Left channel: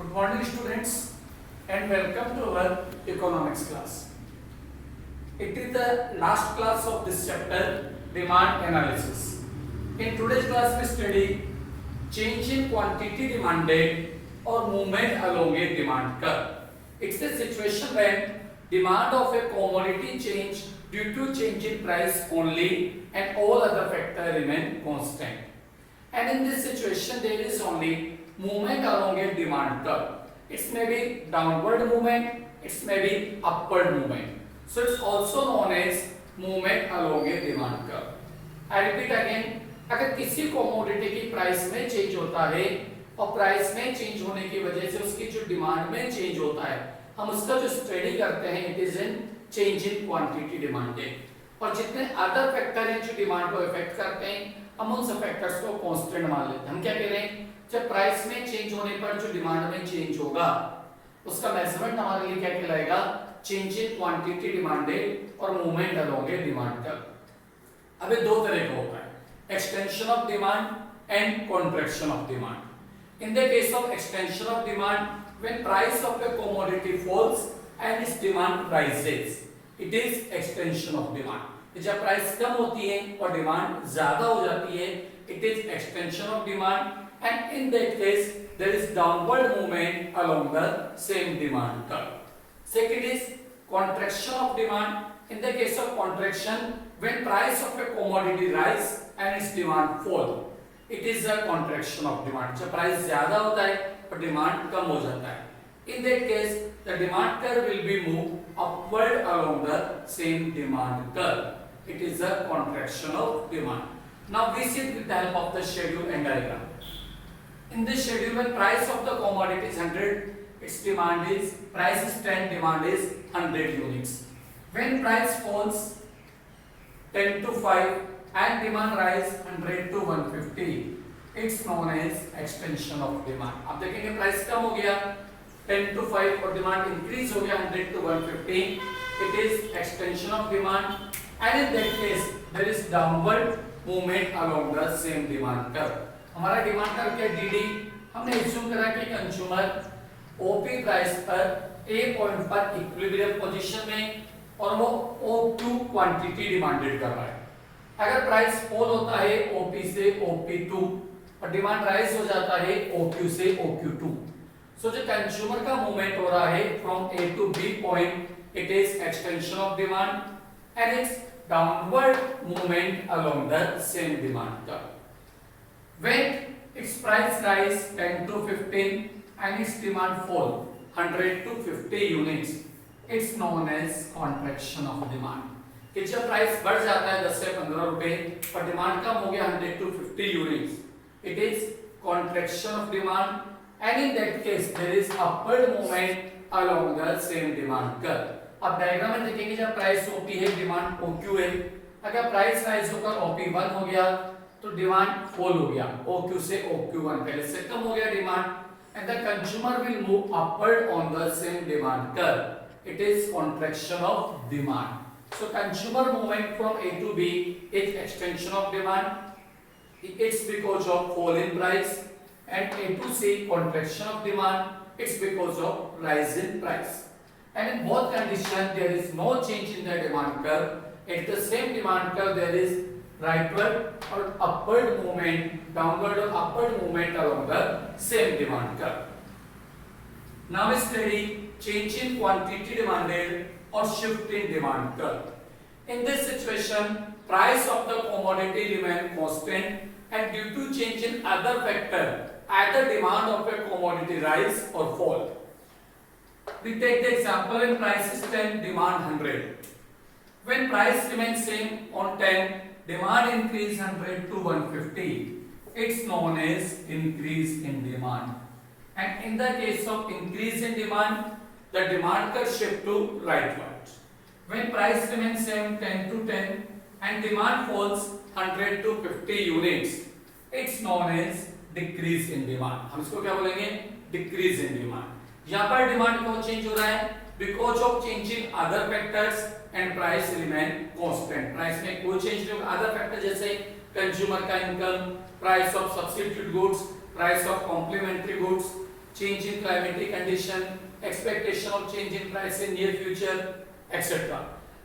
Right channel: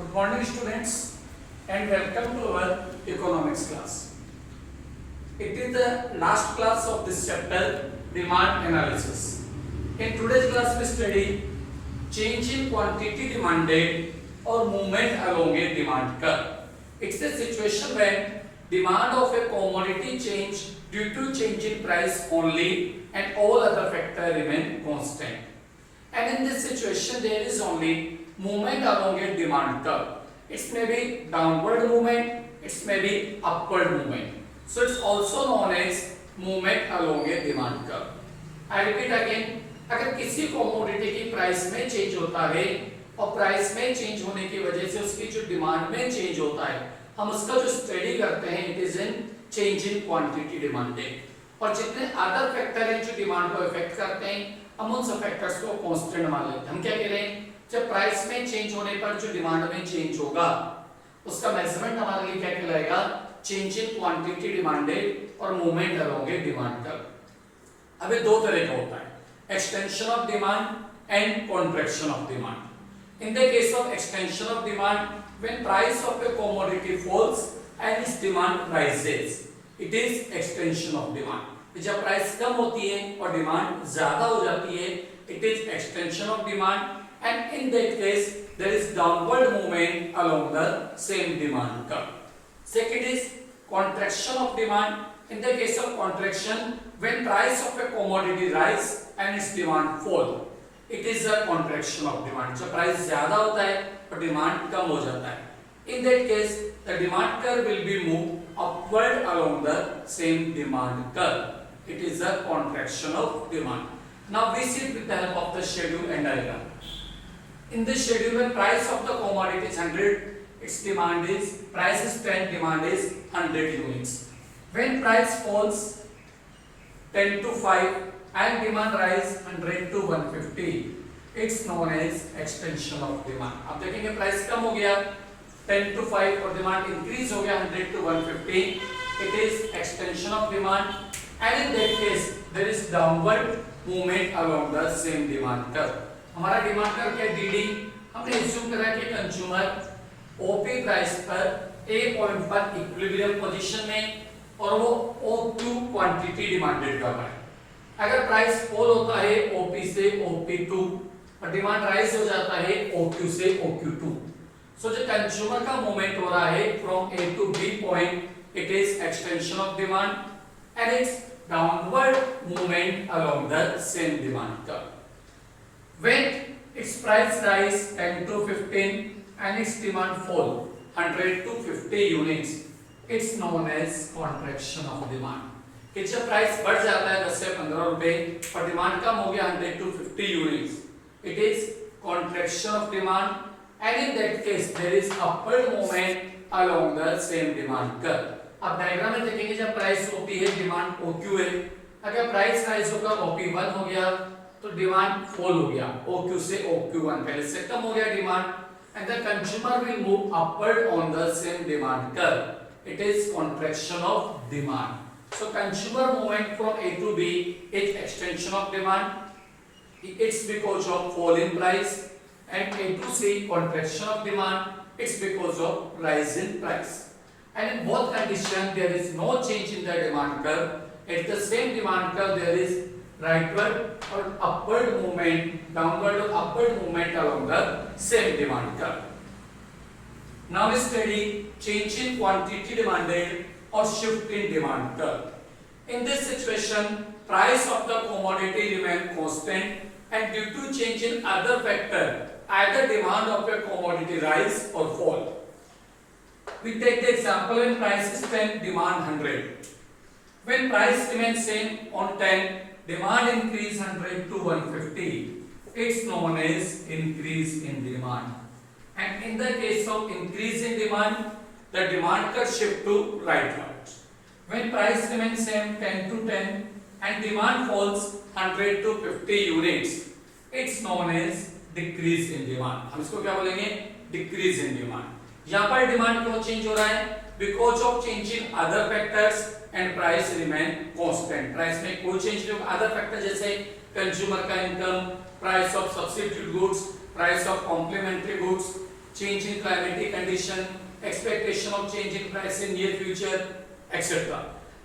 Good morning students and welcome to our economics class. It is the last class of this chapter, demand analysis. In today's class we study change in quantity demanded or movement along a demand curve. It's a situation when demand of a commodity change due to change in price only and all other factors remain constant. And in this situation there is only movement along a demand curve. It may be downward movement, it may be upward movement. So it's also known as movement along a demand curve. I repeat again, अगर किसी commodity की price में change होता है और price में change होने की वजह से उसकी जो डिमांड में चेंज होता है, हम उसका जो स्टडी करते हैं it is in change in quantity demanded. और जितने अदर फैक्टर हैं जो डिमांड को इफेक्ट करते हैं हम उन सब फैक्टर्स को कांस्टेंट मान लेते हैं। हम क्या कह रहे हैं, जब प्राइस में चेंज होने पर जो डिमांड में चेंज होगा उसका मेजरमेंट हमारे लिए क्या कहलाएगा, चेंज इन क्वांटिटी डिमांडेड और मूवमेंट अलोंग ए डिमांड कर्व। अब ये दो तरह का होता है, extension of demand and contraction of demand. In the case of extension of demand, when price of a commodity falls and its demand rises, it is extension of demand. जब price कम होती है और डिमांड ज्यादा हो जाती है, it is extension of demand, and in that case there is downward movement along the same demand curve. Second is contraction of demand. In the case of contraction, when price of a commodity rise and its demand fall, it is a contraction of demand. जब price ज्यादा होता है और demand कम हो जाता है, in that case the demand curve will be moved upward along the same demand curve. It is a contraction of demand. Now we see it with the help of the schedule and diagram. In this schedule, when price of the commodity is 100, its demand is, price is 10, demand is 100 units. When price falls 10 to 5 and demand rise 100 to 150, it's known as extension of demand. अब देखेंगे price कम हो गया 10 to 5 और demand increase हो गया 100 to 150, it is extension of demand, and in that case there is downward movement along the same demand curve. हमारा demand curve क्या है, डीडी। हमने एज्यूम करा कि कंज्यूमर ओपी प्राइस पर ए पॉइंट पर इक्विलिब्रियम पोजीशन में और वो O2 क्वांटिटी डिमांडेड कर रहा है। अगर प्राइस फॉल होता है OP से OP2 और डिमांड राइज हो जाता है OQ से OQ2, सो जो कंज्यूमर का मूवमेंट हो रहा है from A to B point, it is extension of demand and it's downward movement along the same demand curve. When its price rise 10 to 15 and its demand fall 100 to 50 units, it's known as contraction of demand. कि जब price बढ़ जाता है 10 से 15 रुपए और demand कम हो गया 100 to 50 units, it is contraction of demand, and in that case there is upward movement along the same demand curve. अब डायग्राम में देखेंगे जब प्राइस OP है डिमांड OQ है, अगर प्राइस राइज होकर OP1 हो गया तो डिमांड फॉल हो गया OQ से OQ1, पहले से कम हो गया demand and the consumer will move upward on the same demand curve. It is contraction of demand. So consumer movement from A to B is extension of demand. It's because of fall in price, and A to C contraction of demand. It's because of rise in price. And in both conditions there is no change in the demand curve. At the same demand curve there is rightward or upward movement, downward or upward movement along the same demand curve. Now we study change in quantity demanded or shift in demand curve. In this situation, price of the commodity remain constant, and due to change in other factor, either demand of a commodity rise or fall. We take the example when price is 10, demand 100. When price remains same on 10, demand increase 100 to 150. It's known as increase in demand. And in the case of increase in demand, the demand curve shift to rightward. When price remains same 10 to 10 and demand falls 100 to 50 units, it's known as decrease in demand. हम इसको क्या बोलेंगे, decrease in demand. यहाँ पर demand क्यों change हो रहा है, because of change in other factors and price remain constant. Price में कोई चेंज नहीं होगा, other factor जैसे कंज्यूमर का income, price of substitute goods, price of complementary goods, change in climatic condition, expectation of change in price in near future, etc.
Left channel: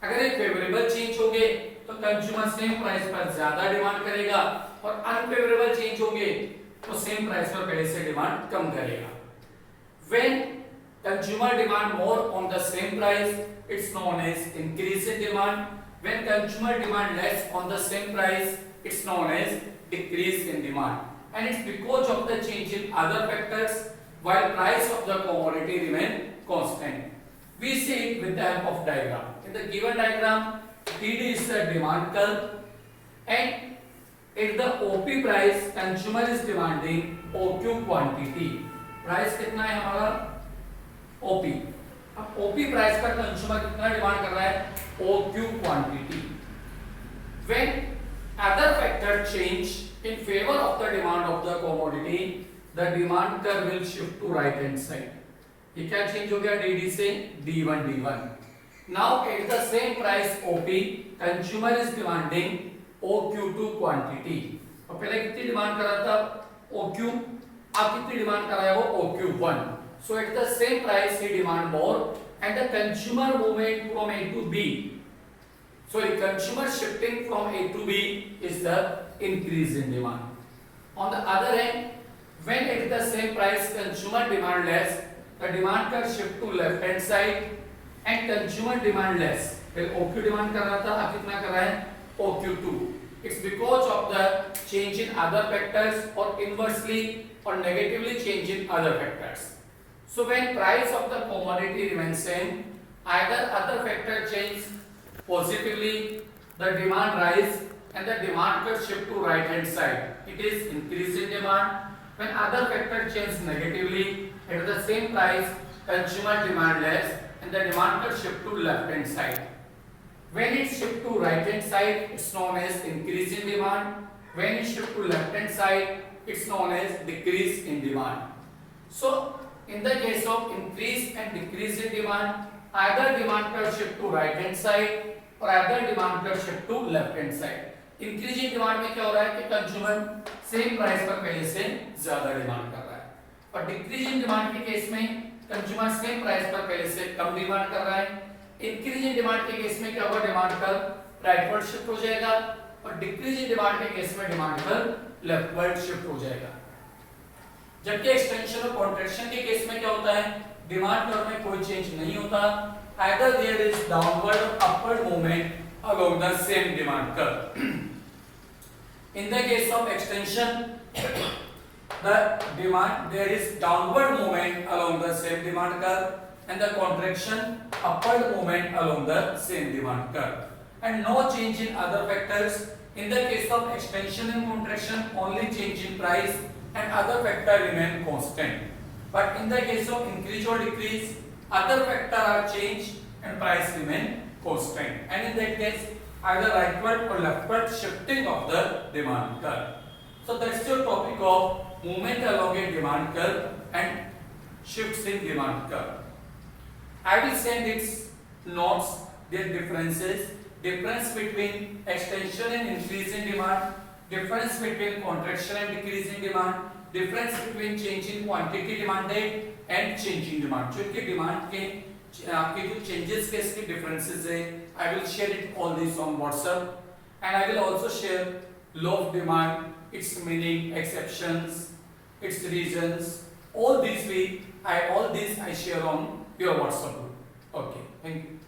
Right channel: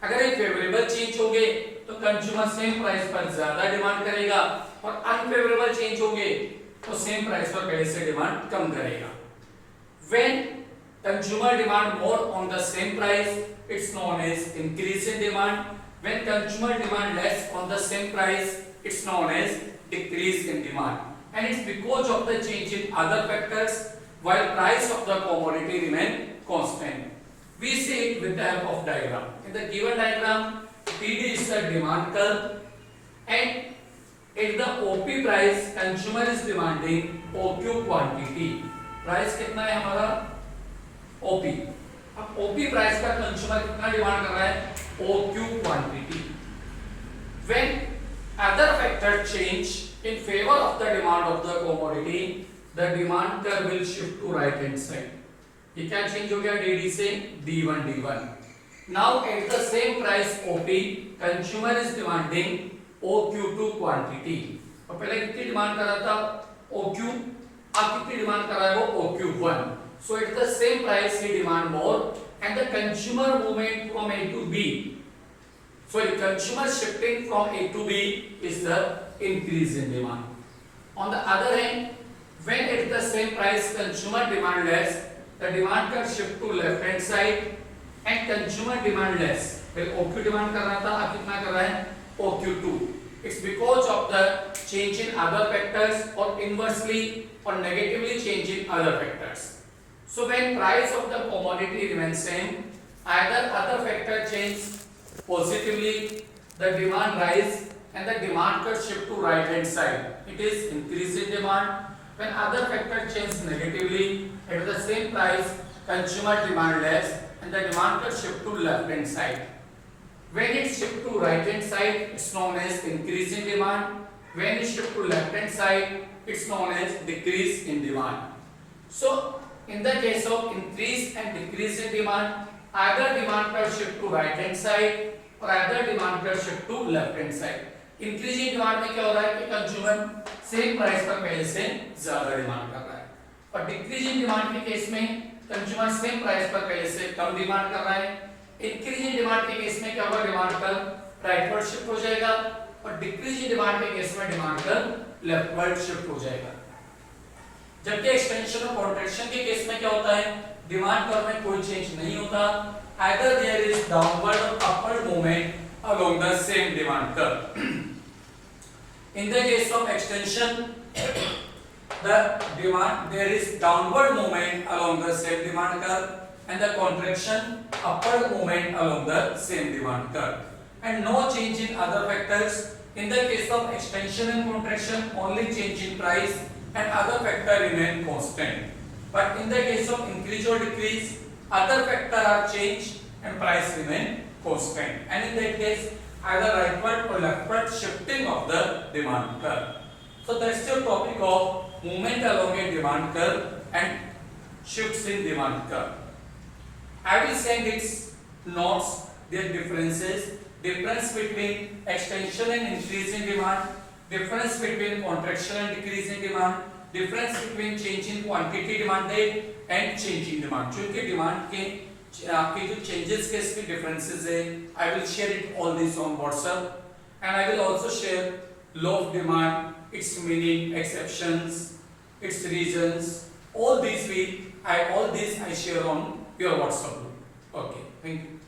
अगर ये favourable change होंगे तो कंज्यूमर सेम प्राइस पर ज्यादा डिमांड करेगा, और अनफेवरेबल चेंज होंगे तो सेम प्राइस पर पहले से डिमांड कम करेगा. When consumer demand more on the same price, it's known as increase in demand. When consumer demand less on the same price, it's known as decrease in demand. And it's because of the change in other factors while price of the commodity remain constant. We see it with the help of diagram. In the given diagram, TD is the demand curve, and at the OP price, consumer is demanding OQ quantity. Price कितना है हमारा? OP. अब OP price का consumer कितना demand कर रहा है? OQ quantity. When other factor change in favor of the demand of the commodity, the demand curve will shift to right hand side. ये क्या चेंज हो गया? DD से D1 D1. Now at the same price OP, consumer is demanding OQ2 quantity. और पहले कितनी demand कर रहा था? OQ. आप कितनी डिमांड कर रहा है? वो OQ1. So at the same price he demand more, and the consumer movement from A to B, sorry, consumer shifting from A to B is the increase in demand. On the other hand, when at the same price consumer demand less, the demand curve shift to left hand side and consumer demand less. पहले OQ demand कर रहा था, अब कितना कर रहा है? OQ2. It's because of the change in other factors or inversely or negatively change in other factors. So when price of the commodity remains same, either other factor change positively, the demand rise and the demand curve shift to right hand side. It is increase in demand. When other factor change negatively, at the same price, consumer demand less and the demand curve shift to left hand side. When it shift to right hand side, it's known as increase in demand. When it shift to left hand side, it's known as decrease in demand. So in the case of increase and decrease in demand, either demand curve shift to right hand side or either demand curve shift to left hand side. Increasing demand में क्या हो रहा है कि consumer same price पर पहले से ज्यादा डिमांड कर रहा है, और डिक्रीजिंग डिमांड के केस में कंज्यूमर सेम प्राइस पर पहले से कम डिमांड कर रहा है. इंक्रीजिंग डिमांड के केस में क्या होगा? डिमांड कर्व राइटवर्ड शिफ्ट हो जाएगा, और डिक्रीजिंग डिमांड के केस में डिमांड कर्व लेफ्टवर्ड शिफ्ट हो जाएगा. जबकि एक्सटेंशन और कॉन्ट्रैक्शन के केस में क्या होता है? डिमांड कर्व में कोई चेंज नहीं होता. आइदर देयर इज डाउनवर्ड और upward movement along the same demand curve. In the case of extension, the demand there is downward movement along the same demand curve, and the contraction upward movement along the same demand curve, and no change in other factors. In the case of extension and contraction, only change in price and other factor remain constant. But in the case of increase or decrease, other factor are changed and price remain constant. And in that case, either rightward or leftward shifting of the demand curve. So that's your topic of movement along a demand curve and shifts in demand curve. I will send its notes, their differences, difference between extension and increase in demand, difference between contraction and decrease in demand, difference between change in quantity demanded and change in demand. जो कि demand के आपके जो changes के इसके differences है, I will share it all this on WhatsApp, and I will also share law of demand, its meaning, exceptions, its reasons. All these I share on your WhatsApp group. Okay, thank you.